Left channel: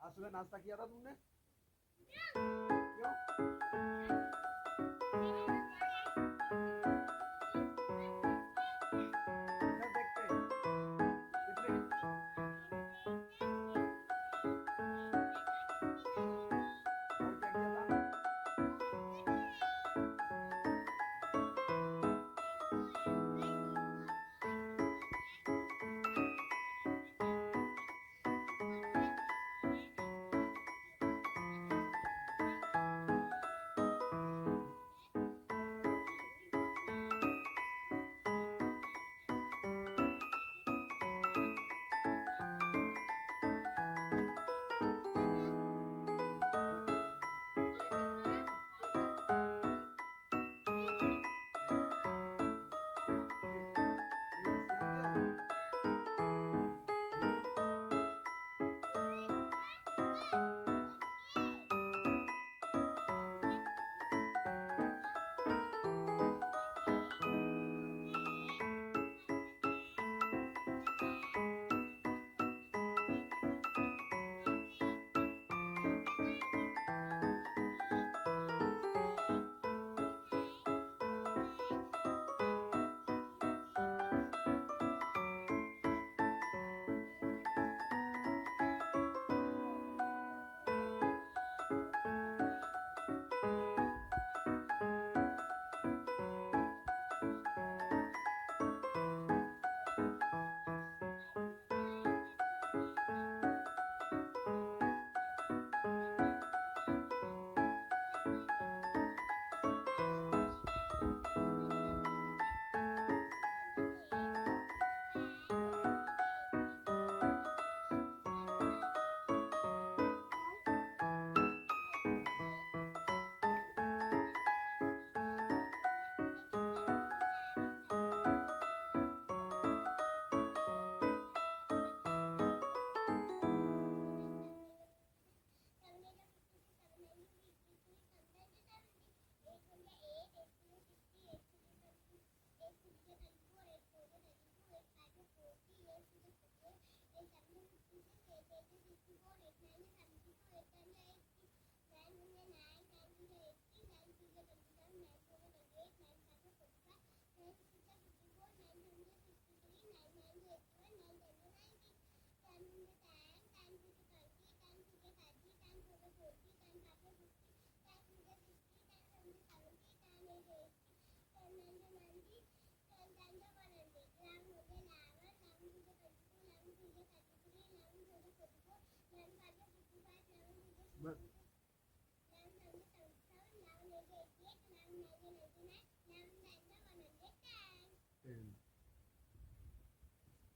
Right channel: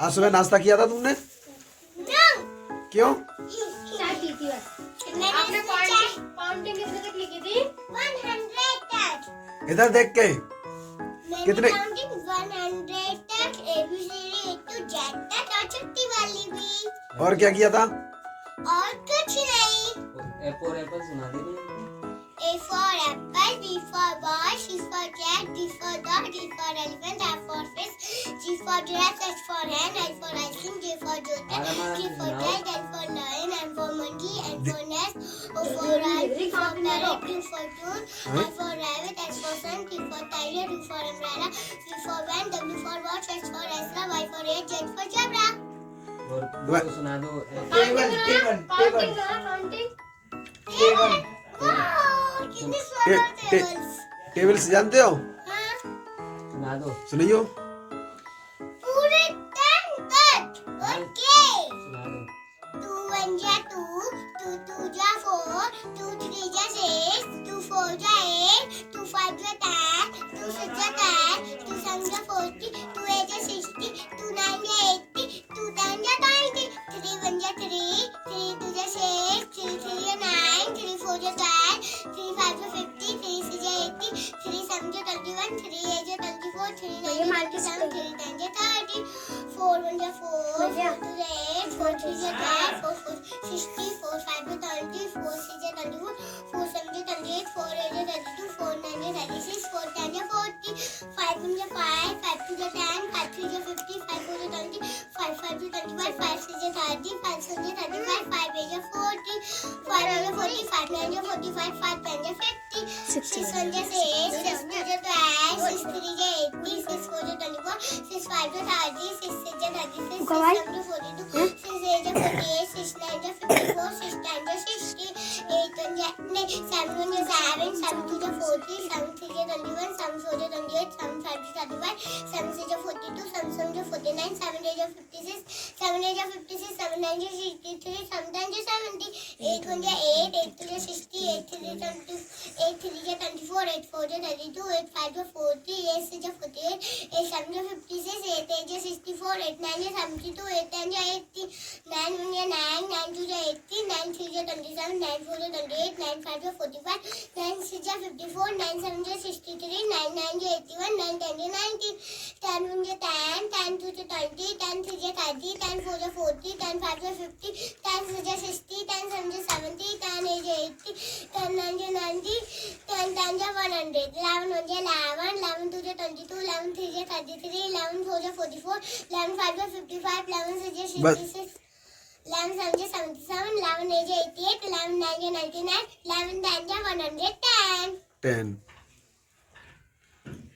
आज सुबह नाश्ता किया था तुमने? क्यों? चाय पी थी बस। आपने काउंटिंग कितने तक लिखी थी? 100 तक। इधर देख के कितने? काउंटिंग 100 तक, ABCD to Z तक और छुट्टी वाली भी। और क्या किया था? और कुछ नहीं। A for apple सुना दे। A for apple, B for ball, C for cat, D for dog, E for elephant, F for fish, G for giraffe, H for hen, I for ice cream, J for joker, K for kite, L for lion, M for monkey, N for nest, O for owl, P for parrot, Q for tune, R for rabbit, S for sun, T for tiger, U for umbrella, V for van, W for watch, X for extra, Y for eight, Z for zebra. और दो सुना दो। Tables जानते हो? सुना दो। सुनियो। पूरे 10 तक। ओके। सुना दो। 2 1 जा 2, 2 2 जा 4, 2 3 जा 6, 2 4 जा 8, 2 5 जा 10, 2 6 जा 10, 2 7 जा 40, 2 8 जा 60, 2 9 जा 80, 2 10 जा 90, 3 1 जा 3, 3 2 जा 6, 3 3 जा 9, 3 4 जा 10, 3 5 जा 50, 3 6 जा 80, 3 7 जा 21, 3 8 जा 24, 3 9 जा 27, 3 10 जा 30, 4 1 जा 4, 4 2 जा 8, 4 3 जा 10, 4 4 60, 4 5 जा 30, 4 6 जा 24, 4 7 जा 28, 4 8 जा 32, 4 9 जा 36, 4 10 जा 40, 5 1 जा 5, 5 2 जा 10, 5 3 जा 50, 5 4 जा 20, 5 5 जा 25, 5 6 जा 30, 5 7 जा 35, 5 8 जा 40, 5 9 जा 40, 5 9 जा 45, 5 10 जा 50, 6 1 जा 6, 6 2 जा 12, 6 3 जा 80, 6 4 जा 24, 6 5 जा 30, 6 6 जा 36, 6 7 जा 42, 6 8 जा 48, 6 9 जा 54, 6 10 जा 60, 8 1 जा 7 1 जा 7, 7 2 जा 40, 7 3 जा 21, 7 4 जा 28, 7 5 जा 35, 7 6 जा 42, 7 7 जा 49, 7 8 जा 56, 7 8 जा 56, 7 9 जा 63, 7 10 जा 70, 8 1 जा 8, 8 2 जा 60, 8 3 जा 22, 8 3 जा 24, 8 4 जा 32, 8 5 जा 40, 8 6 जा 48, 8 7 जा 56, 8 8 जा 64, 8 9 जा 72, 8 10 जा 80, 9 1 जा 9, 9 2 जा 80, 9 3 जा 27, 9 4 जा 28, 9 5 जा 45, 9 6 जा 54, 9 7 जा 63, 9 9 जा 81, 9 10 जा 90, 10 1 जा 10, 10 2 जा 20, 10 3 जा 30, 10 4 जा 40, 10 5 जा 50, 10 6 जा 60, 10 7 जा 70, 10 8 जा 80, 10 9 जा 90, 10 10 जा 100, 11 1 जा 11, 11 2 जा 22, 11 3 जा 33, 11 4 जा 44, 11 5 जा 55, 11 6 जा 66, 11 7 जा 77, 11 8 जा 88, 11 9 जा 99, 11 10 जा 110. 10